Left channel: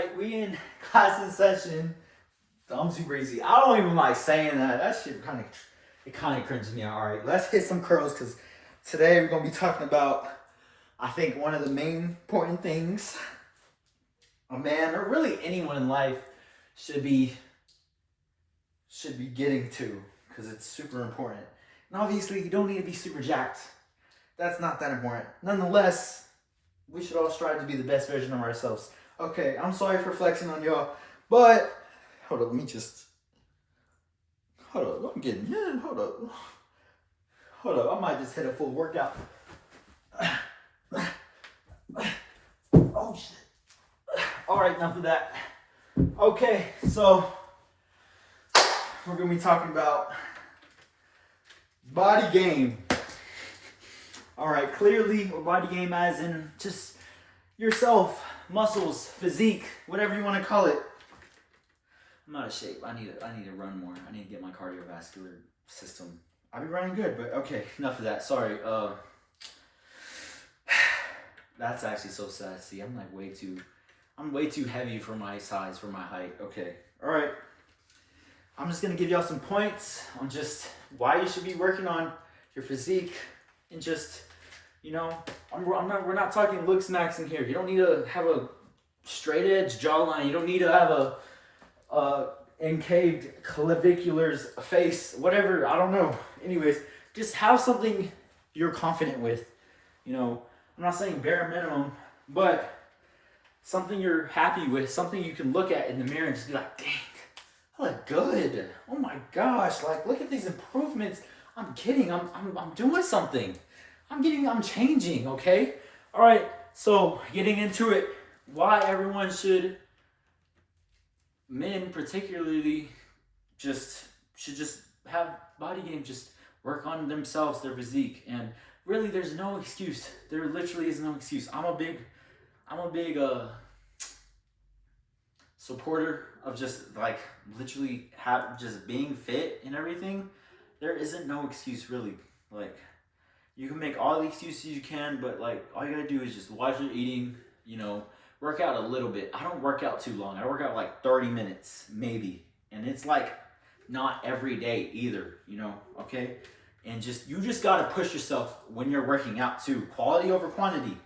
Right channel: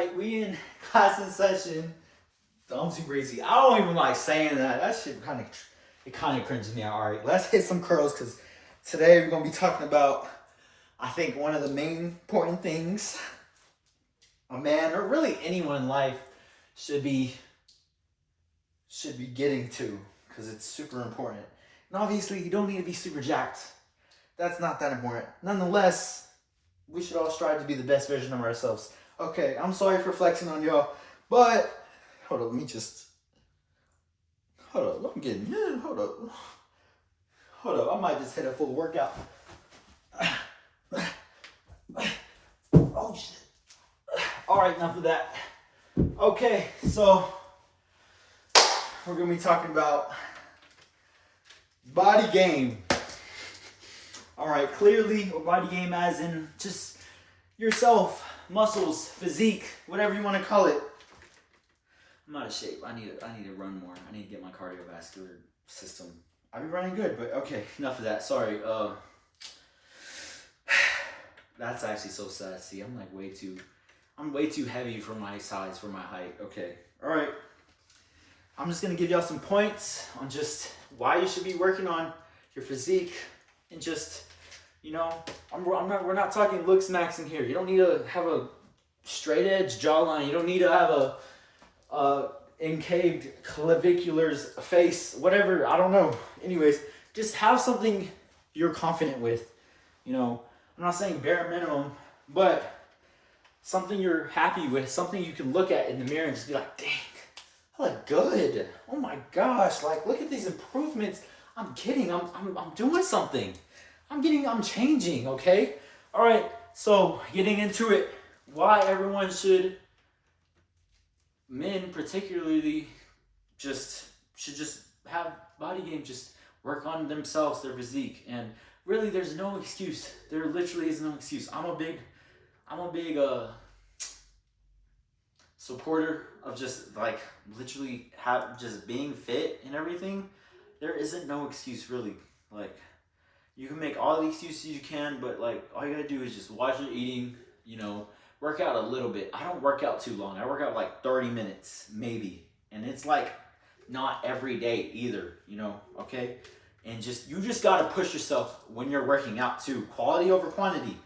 right, we in class in session. I'm super easy. I don't even like saying that. That shit kind of cringes me out. All right, let's hit some curls because today we're gonna be talking about, I think, one of the main important things a man or really anyone in life should be getting to because it's super important. And obviously, you don't need to be super jacked. That's not that important. Nonetheless, we should all strive to be the best version of ourselves. Okay, I'm sorry for flexing on y'all, but hold up, let me just hold up. I'm getting yeah, hold up. I might just hit a full workout. Oh shit. All right, enough of that. Okay, so we're gonna be talking about body game. All right, clearly, or body game as in just yourself, muscles, physique, whatever you want to call it. I'm out of shape. I need to run more. I need to get my cardiovascular system. I've been running good, but okay, enough of that. Sorry. That's actually so sad. See, I'm way too heavy for my size, for my height. Okay. All right. I'm just gonna give y'all some points on just why you should be working on your physique and just, we're not talking looks max in here. You don't need to have a straight edge jawline. You don't need to have a encaved clavicular's face, whatever. I don't know. Anyways, just have something you're confident with. I'm not saying bare minimum, but something you're happy with, something you can look at in the mirror and just be like, dang, I look good. Oh my gosh, like look at these improvements. I'm kidding. I'm doing something. I'm changing, okay? All right, so getting into it, why everyone should, men particularly, should just have body game, just work on themselves, their physique. And really there's no excuse. There literally is no excuse. I'm a big supporter of just like literally just being fit and everything. There isn't no excuse really. Like, you can make all the excuses you can, but like all you gotta do is just watch your eating, work out a little bit. I don't work out too long. I work out like 30 minutes, maybe. And it's like not every day either, okay? And you just gotta push yourself when you're working out too. Quality over quantity.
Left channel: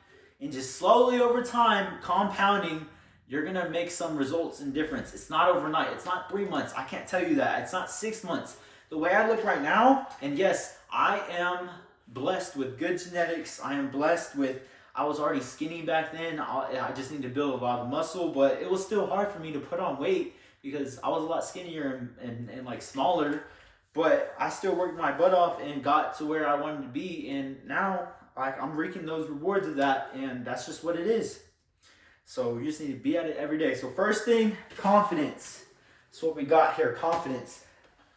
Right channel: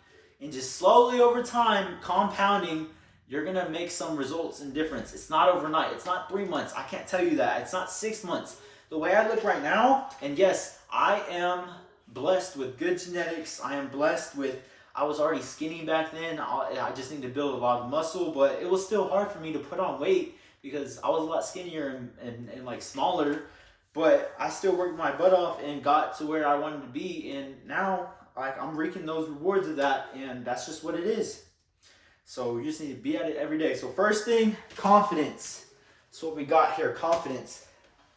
And just slowly over time, compounding, you're gonna make some results and difference. It's not overnight. It's not 3 months. I can't tell you that. It's not 6 months. The way I look right now, and yes, I am blessed with good genetics. I am blessed with, I was already skinny back then. I just need to build a lot of muscle, but it was still hard for me to put on weight because I was a lot skinnier and like smaller, but I still worked my butt off and got to where I wanted to be. And now like I'm reaping those rewards of that, and that's just what it is. So you just need to be at it every day. So first thing, confidence. That's what we got here, confidence.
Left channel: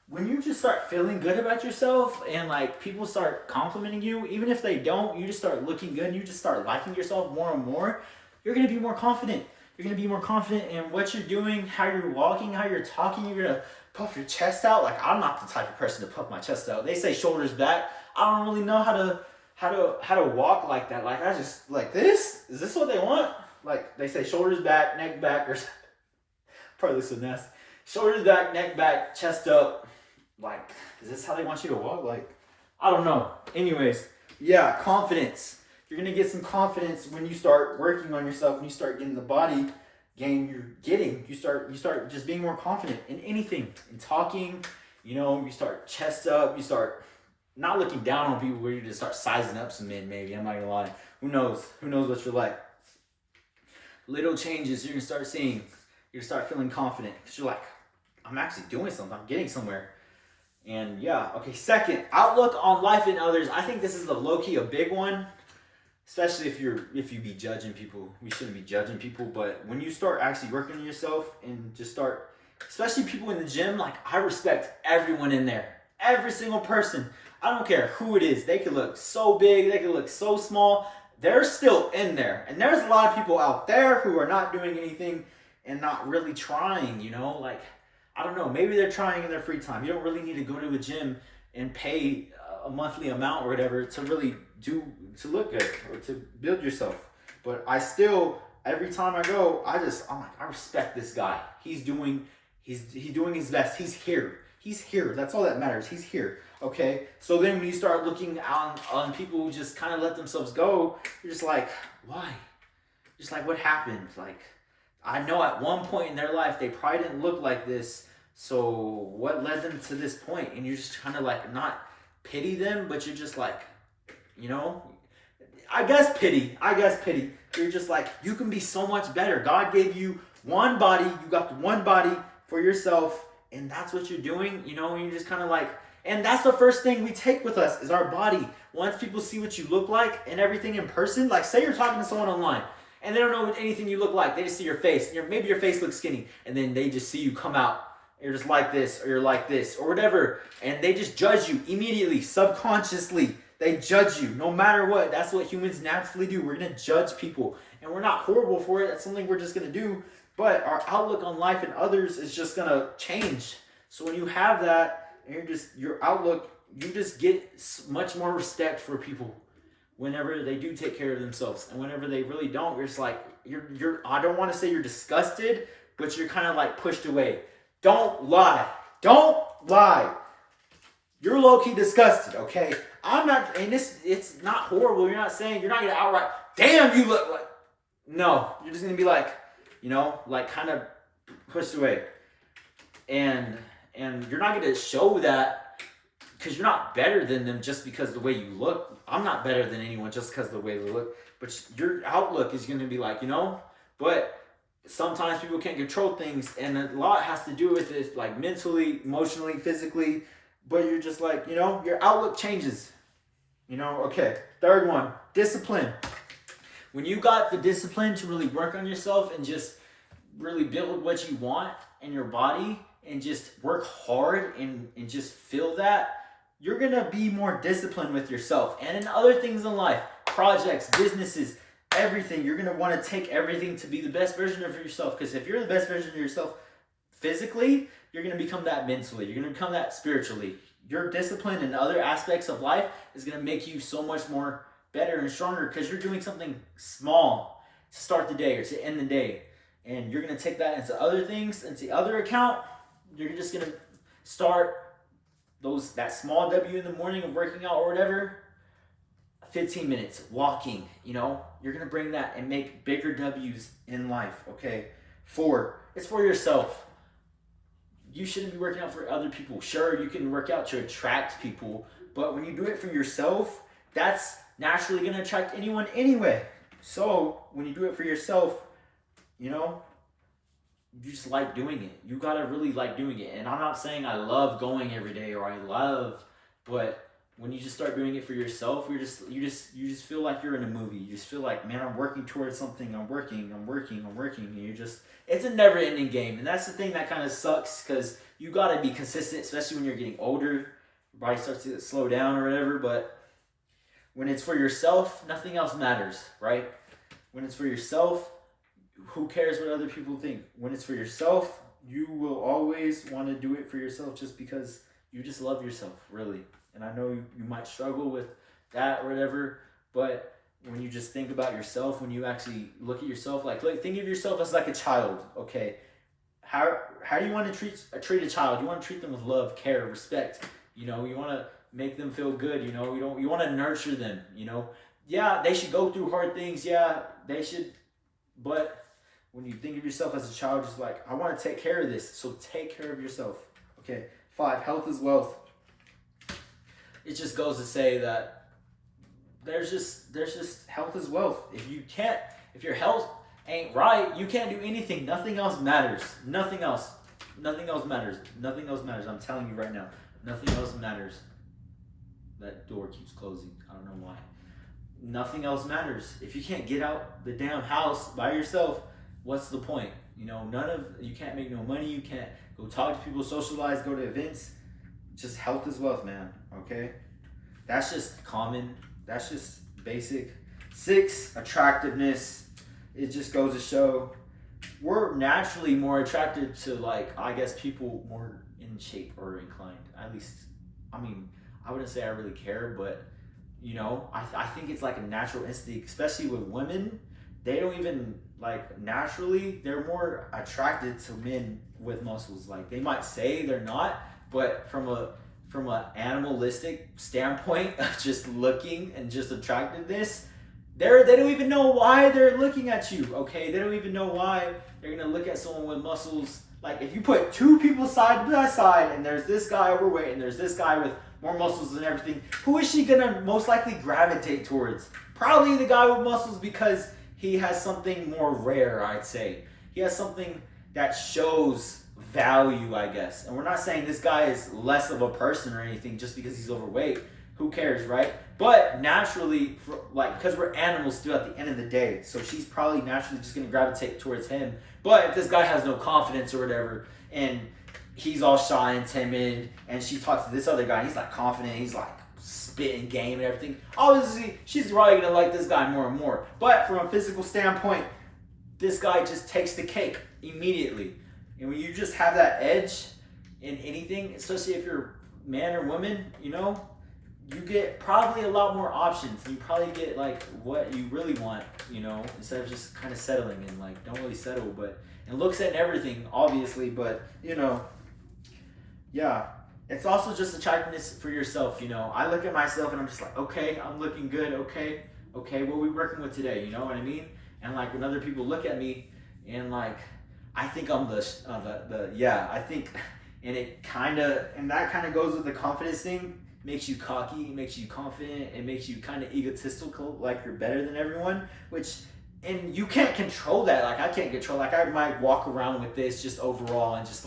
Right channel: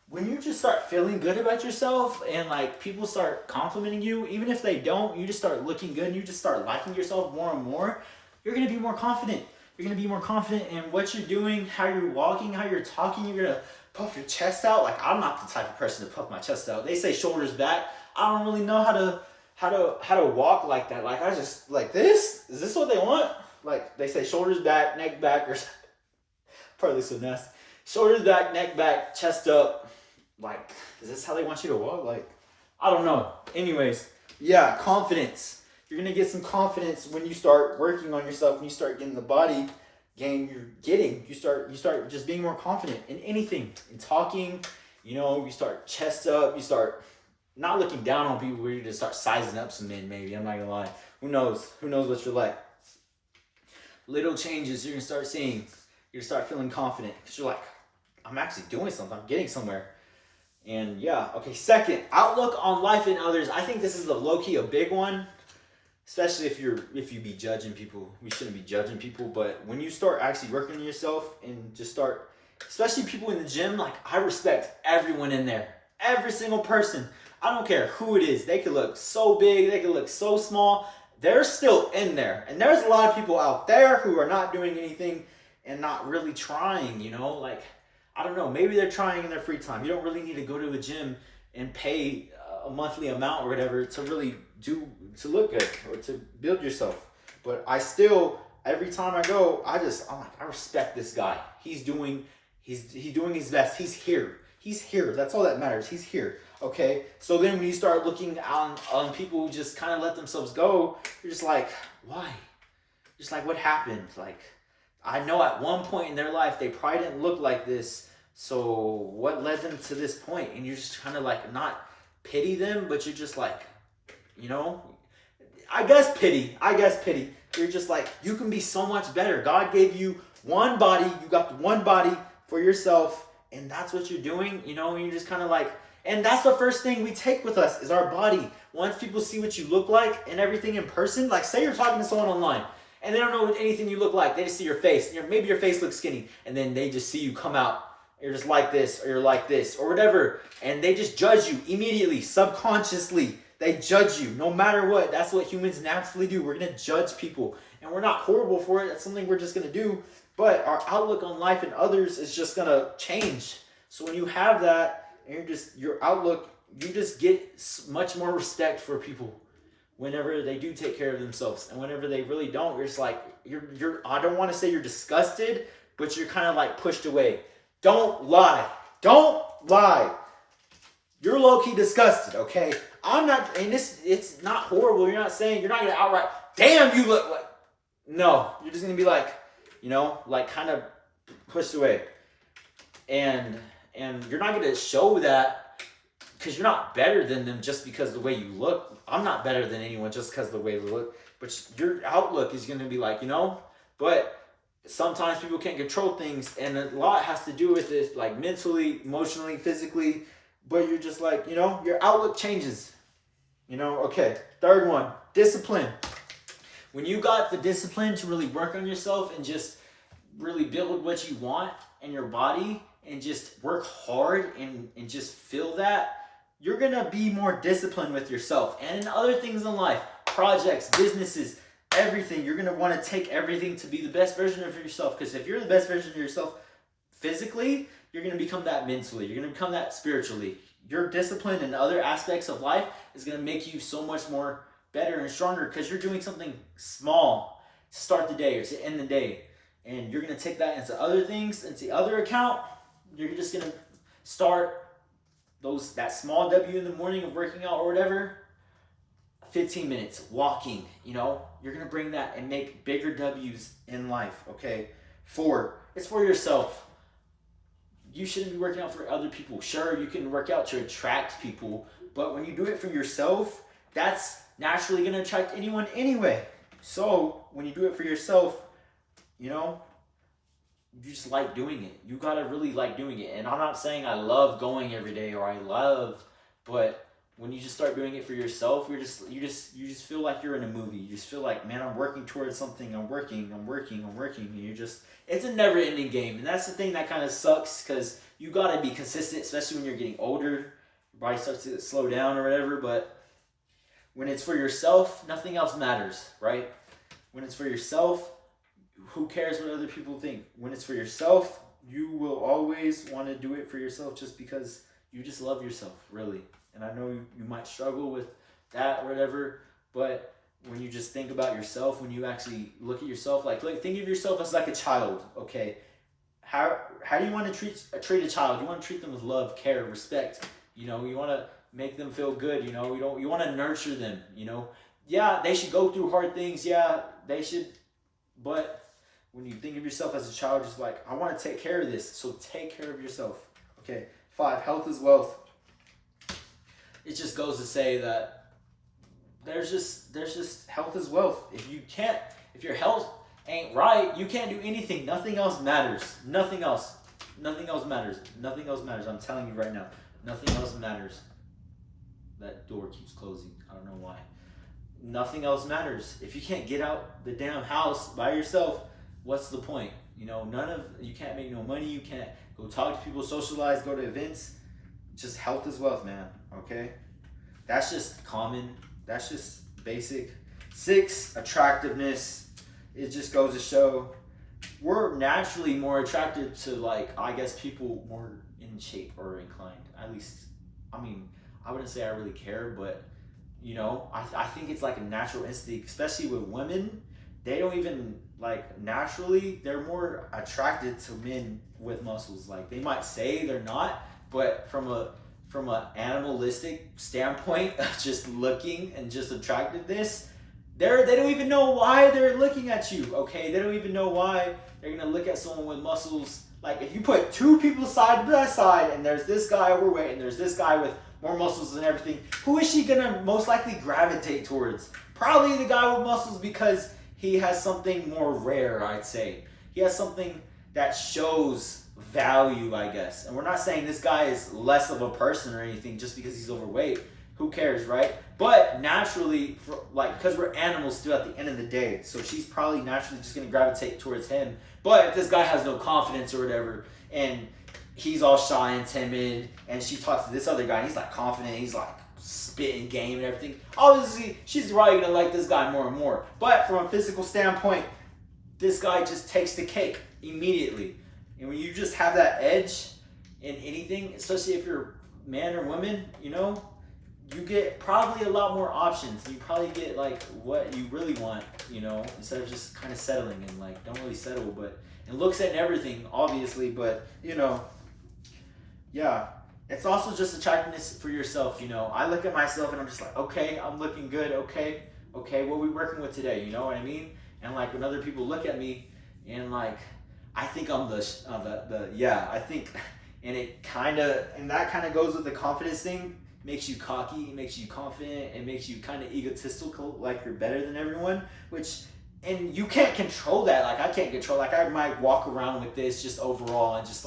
When you just start feeling good about yourself and like people start complimenting you, even if they don't, you just start looking good and you just start liking yourself more and more, you're going to be more confident. You're going to be more confident in what you're doing, how you're walking, how you're talking. You're going to puff your chest out. Like, I'm not the type of person to puff my chest out. They say shoulders back. I don't really know how to walk like that. Like, I just like this. Is this what they want? Like, they say shoulders back, neck back, or probably so nasty. Shoulders back, neck back, chest up. Like, is this how they want you to walk? Like, I don't know. Anyways, yeah, confidence. You're going to get some confidence when you start working on yourself, when you start getting the body game you're getting. You start just being more confident in anything. In talking, you start chest up. You start not looking down on people where you just start sizing up some men, maybe. I'm not going to lie. Who knows? Who knows what you're like? Little changes you're going to start seeing. You're going to start feeling confident because you're like, I'm actually doing something. I'm getting somewhere. And yeah, okay, second, outlook on life and others. I think this is low-key a big one, especially if you be judging people. We shouldn't be judging people, but when you start actually working on yourself and just start, especially people in the gym, like I respect everyone in there. Every single person. I don't care who it is. They could look so big, they could look so small. They're still in there. And there's a lot of people out there who are not doing anything and not really trying, like, I don't know, maybe they're trying in their free time. You don't really need to go to a gym and pay a monthly amount or whatever to really to look good or to build yourself. But I still every time I go, I'm like, I respect this guy. He's doing his best. He's here. He's here. That's all that matters. He's here. Okay. So then when you start looking on people who just kind of let themselves go, you're just like, why? Just like, what happened? Like, I know at one point in their life they probably didn't look like this. So what led them to this point? And you're just kind of like, not pity them, but you're just like, you know, I guess pity. You're just like, you can be so much better. God gave you one body. You got the one body for yourself, and that's what you're doing, you know, and you're just kind of like, and that's the first thing we take with us is our body. Once people see what you look like and everything in person, like say you're talking to someone online, and they don't know anything you look like. They just see your face. Maybe your face looks skinny, and then they just see you come out. You're just like this, or you're like this, or whatever, and they just judge you immediately, subconsciously. They judge you no matter what. That's what humans naturally do. We're going to judge people. And we're not horrible for it. That's something we're just going to do. But our outlook on life and others is just going to change. So when you have that, and your outlook, you just get much more respect for people whenever they do take care of themselves. And whenever they really don't, you're just like, I don't want to say you're disgusted, but you're kind of like pushed away. Don't lie. Don't lie. You're low-key disgusted, okay? I'm not, and it's not horrible. You're not going to outright, damn, you look like, no. You're just going to be like, you know, like kind of pushed away. And you're not going to show that because you're not better than them just because of the way you look. I'm not better than anyone just because of the way they look. But your outlook is going to be like, you know, but sometimes people can't control things. And a lot has to do with it, like mentally, emotionally, physically. But you're just like, you know, your outlook changes. You know, okay. Third one, discipline. When you got the discipline to really work on yourself and just really build what you want in your body and just work hard and just feel that, you're going to be more disciplined with yourself. And in other things in life, projects, businesses, everything, you're going to want to take everything to be the best version of yourself. Because if you're the best version of yourself physically, you're going to become that mentally. You're going to become that spiritually. Your discipline in other aspects of life is going to make you so much more better and stronger because you're doing something small to start the day or to end the day. And you're going to take that into other things, into the other account. You're just going to start that small W in the morning of working out or whatever. 15 minutes walking, you know, you're going to bring that and make bigger W's in life. Okay. 4, it's for yourself. You shouldn't be working out for other people. Sure, you can work out to attract people, but when you do it for yourself, that's naturally going to attract anyone anyway. So when you do it for yourself, you know, you just like doing it. You got to really like doing it. And I'm not saying I love going every day but when you just start doing it for yourself, you just feel like you're in a movie. You just feel like, man, I'm working towards something. I'm working. And it's a never-ending game. And that's the thing that kind of sucks because you got to be consistent, especially when you're getting older. Your body starts to slow down or whatever. But when it's for yourself, nothing else matters, right? When it's for yourself, who cares what other people think? When it's for yourself, you will always want to do it for yourself just because you just love yourself, really. And I know you might struggle with that or whatever, but when you just think about yourself, when you actually look at yourself, think of yourself as like a child, okay? How do you want to treat a child? You want to treat them with love, care, respect. You know, you want to make them feel good. You know, you want to nurture them. You know, yeah, they should go through hard things. Yeah, they should. But when you think of yourself as a child, just like, I want to take care of this. So take care of yourself. Okay. 5, health is wealth. It just goes to say that there's just health is wealth. If your health ain't right, you can't do anything. Nothing else matters. Nothing else matters. I'm telling you right now, nothing else matters. That door keeps closing. I don't know why. Nothing else matters. If you can't get out the damn house by yourself, what's the point? You know, you can't make no money. You can't go talk to people, socialize, go to events. Just health is wealth, man. Okay? That's just common. That's just basic. 6, attractiveness. It just goes to show we're naturally more attracted to, like, I guess people more in shape or inclined. At least, I mean, I wouldn't say I really care, but, you know, I think it's like a natural instinct, especially with women. they don't even like naturally they're more attracted to men with muscles. Like they might say they're not, but from a animalistic standpoint of just looking and just attractiveness, they don't even know why they're looking at you. Okay, they don't even know why they're gonna look at someone with muscles. Like if you put two people side by side and there's this guy overweight and there's this guy with more muscles and everything, who is she gonna most likely gravitate towards? Probably the guy with muscles, because he has something more rare, I'd say. He has something that shows value, I guess. And we're not saying this guy is less of a person or anything just because he's overweight. Who cares, right? But naturally, because we're animals still at the end of the day, so she's probably naturally just gonna gravitate towards him. But if this guy has no confidence or whatever, and he's all shy and timid, and she talks to this other guy, and he's like confident, he's like spitting game and everything, obviously she's probably gonna like this guy more and more. But from a physical standpoint, this guy just takes the cake immediately. And when you just have that edge in anything, especially if you're man or woman, you get probably a lot more options. You probably get like what you really want, instead of just kind of settling and like don't really settle. But and looks at everything, obviously, but yeah. It's also just attractiveness for yourself, I look at myself and I'm just like, okay, I'm looking good, okay, what are we working with today, you know what I mean? And like when other people look at me and like, I think I'm I think, and that kind of goes with the confidence thing. Makes you cocky, makes you confident, and makes you kind of egotistical, like you're better than everyone, and you can't control that. Like I can't control, like I might walk around with this just overall and just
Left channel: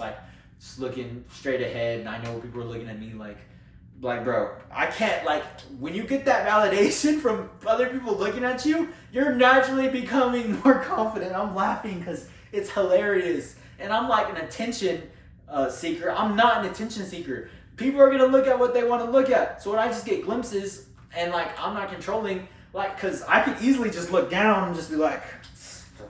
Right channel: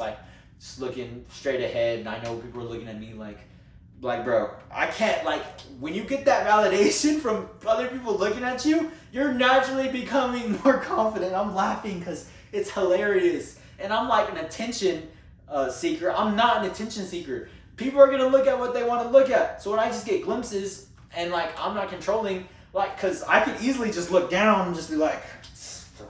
looking straight ahead, and I know people are looking at me like bro, I can't, like when you get that validation from other people looking at you, you're naturally becoming more confident. I'm laughing because it's hilarious, and I'm like an attention seeker. I'm not an attention seeker. People are gonna look at what they want to look at. So when I just get glimpses and like I'm not controlling, like, cause I could easily just look down and just be like,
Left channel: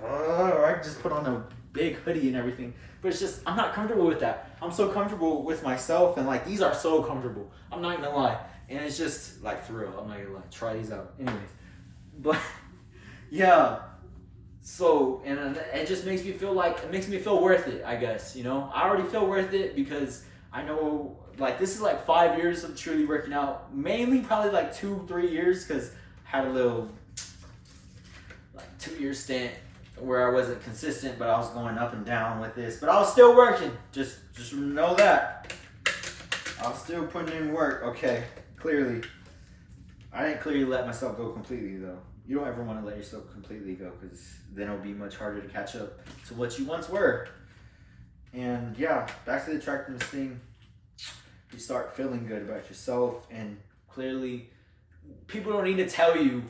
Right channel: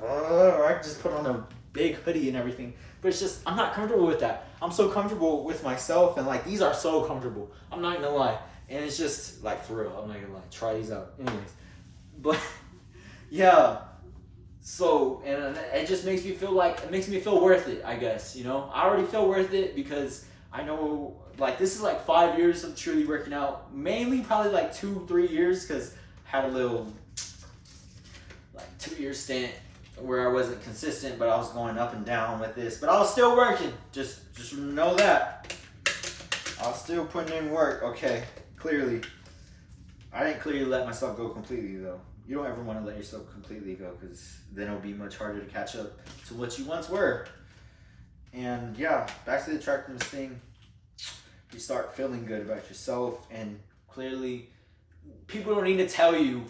or I could just put on a big hoodie and everything. But it's just, I'm not comfortable with that. I'm so comfortable with myself, and like these are so comfortable. I'm not gonna lie. And it's just like, for real, I'm not gonna lie. Try these out. Anyways. But yeah. So, and it just makes me feel worth it, I guess, I already feel worth it because I know, like, this is like 5 years of truly working out. Mainly probably like 2-3 years, because I had a little, like, 2-year stint where I wasn't consistent, but I was going up and down with this. But I was still working. Just know that. I was still putting in work. Okay, clearly. I didn't clearly let myself go completely, though. You don't ever want to let yourself completely go, because then it'll be much harder to catch up to what you once were. And yeah, back to the attractiveness thing. You start feeling good about yourself, and clearly people don't need to tell you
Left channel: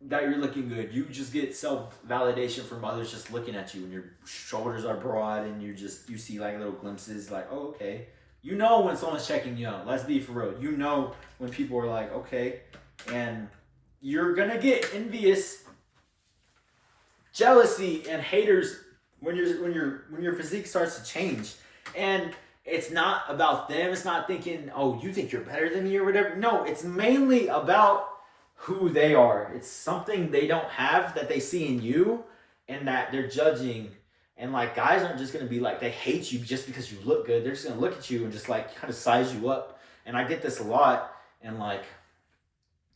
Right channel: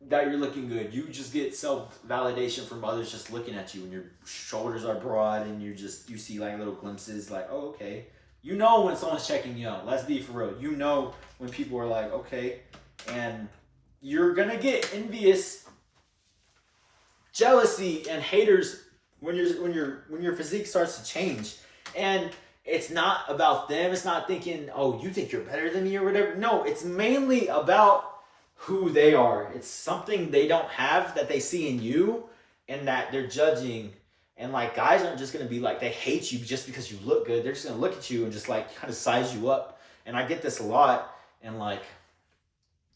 that you're looking good. You just get self-validation from others just looking at you, and your shoulders are broad, and you see like little glimpses like, oh, okay. You know when someone's checking you out. Let's be for real. You know when people are like, okay. And you're gonna get envious, jealousy, and haters when your physique starts to change. And it's not about them. It's not thinking, oh, you think you're better than me or whatever. No, it's mainly about who they are. It's something they don't have that they see in you, and that they're judging. And like, guys aren't just gonna be like, they hate you just because you look good. They're just gonna look at you and just like kind of size you up. And I get this a lot. And like,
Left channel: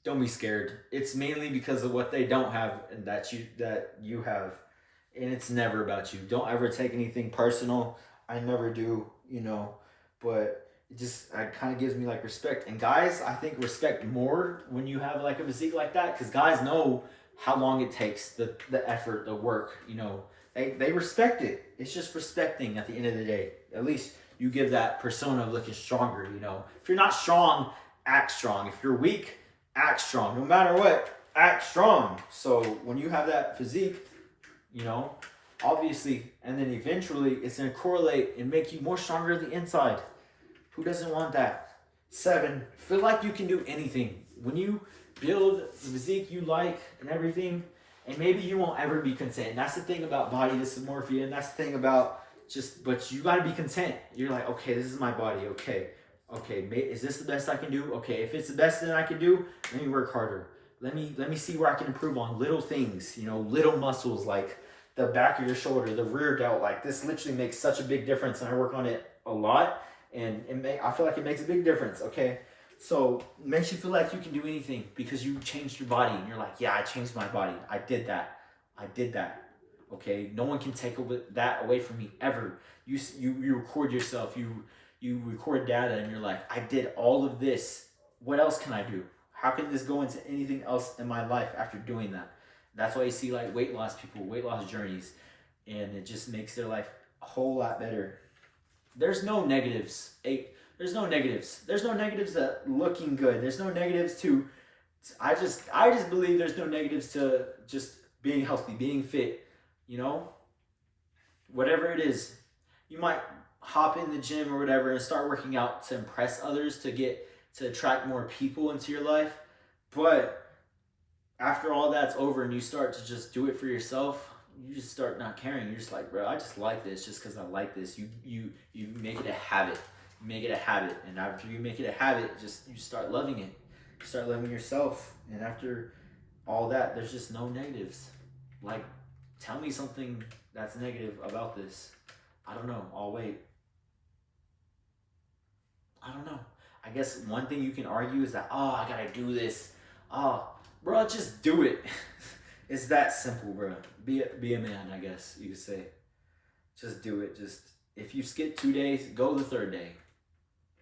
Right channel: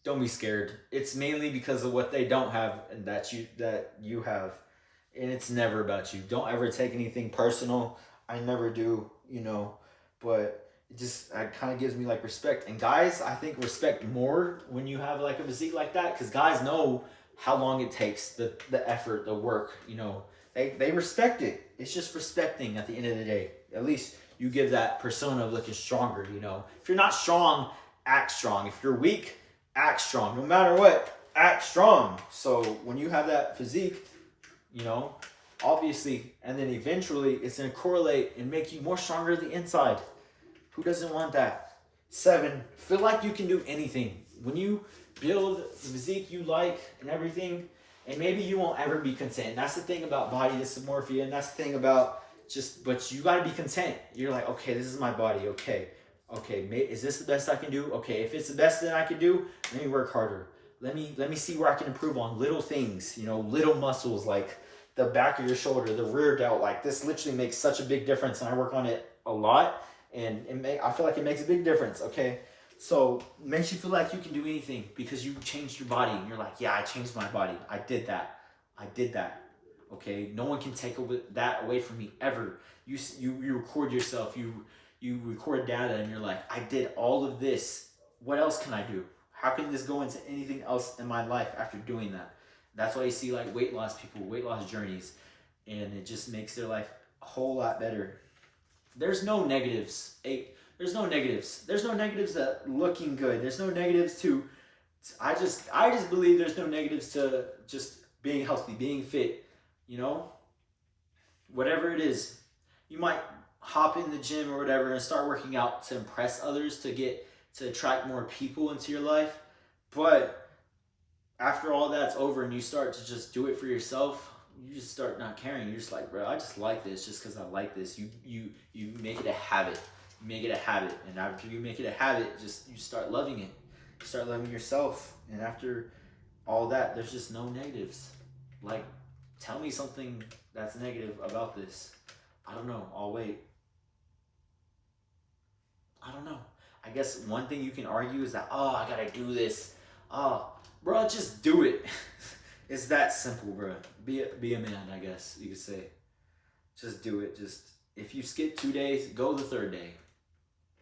don't be scared. It's mainly because of what they don't have and that you have. And it's never about you. Don't ever take anything personal. I never do, but it kind of gives me like respect. And guys, I think respect more when you have like a physique like that, because guys know how long it takes, the effort, the work, they respect it. It's just respecting at the end of the day. At least you give that persona of looking stronger, If you're not strong, act strong. If you're weak, act strong. No matter what, act strong. So when you have that physique, obviously, and then eventually it's going to correlate and make you more stronger on the inside. Who doesn't want that? 7, feel like you can do anything. When you build the physique you like and everything, and maybe you won't ever be content. And that's the thing about body dysmorphia, and that's the thing about but you got to be content. You're like, okay, this is my body. Okay, is this the best I can do? Okay, if it's the best that I can do, let me work harder. let me see where I can improve on little things, you know, little muscles like the back of your shoulder, the rear delt. Like this literally makes such a big difference, and I work on it a lot, and I feel like it makes a big difference. Okay, so it makes you feel like you can do anything because you changed your body, and you're like, yeah, I changed my body. I did that. I did that. Okay, no one can take that away from me ever. You record yourself. You record data, and you're like, I did all of this. What else can I do? How can this go into anything else in my life after doing that? That's why you see like weight loss people, weight loss journeys, and it just makes their life a whole lot better. There's no negatives. There's no negatives. There's no negatives to looking good. There's no negatives to. I just believe there's no negatives to just being healthy, being fit. You know, whatever it is, you might hop in the gym or whatever and start working out to impress others to attract more people into your life. But after all that's over and you start to just do it for yourself, you just start not caring. You're just like, bro, I just like this just because I like this. You make it a habit. You make it a habit, and after you make it a habit, just you start loving it. You start loving yourself, and after all that, there's just no negatives. Like, tell me something that's negative about this. I don't know. I'll wait. I don't know. I guess one thing you can argue is that, oh, I gotta do this. Oh, bro, just do it. It's that simple, bro. Be a man, I guess you could say. Just do it. Just if you skip 2 days, go the third day.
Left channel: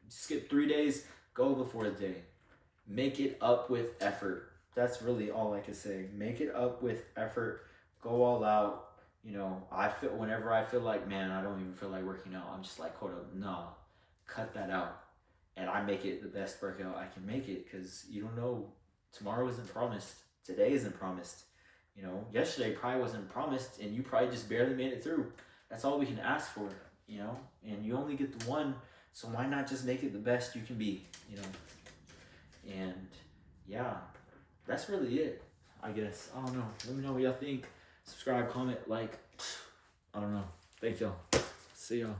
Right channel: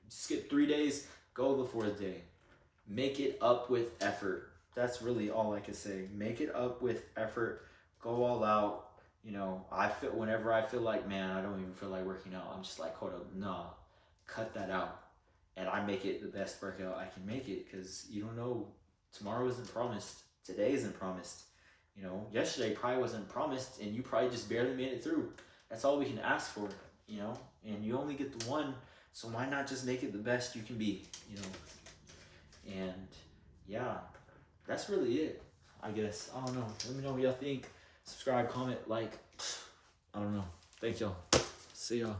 Skip 3 days, go the fourth day. Make it up with effort. That's really all I can say. Make it up with effort. Go all out. You know, I feel whenever I feel like, man, I don't even feel like working out. I'm just like, hold up, no, cut that out, and I make it the best workout I can make it because you don't know. Tomorrow isn't promised. Today isn't promised. You know, yesterday probably wasn't promised, and you probably just barely made it through. That's all we can ask for. You know, and you only get the one, so why not just make it the best you can be? You know, and yeah, that's really it. I guess I don't know. Let me know what y'all think. Subscribe, comment, like. I don't know. Thank y'all. See y'all.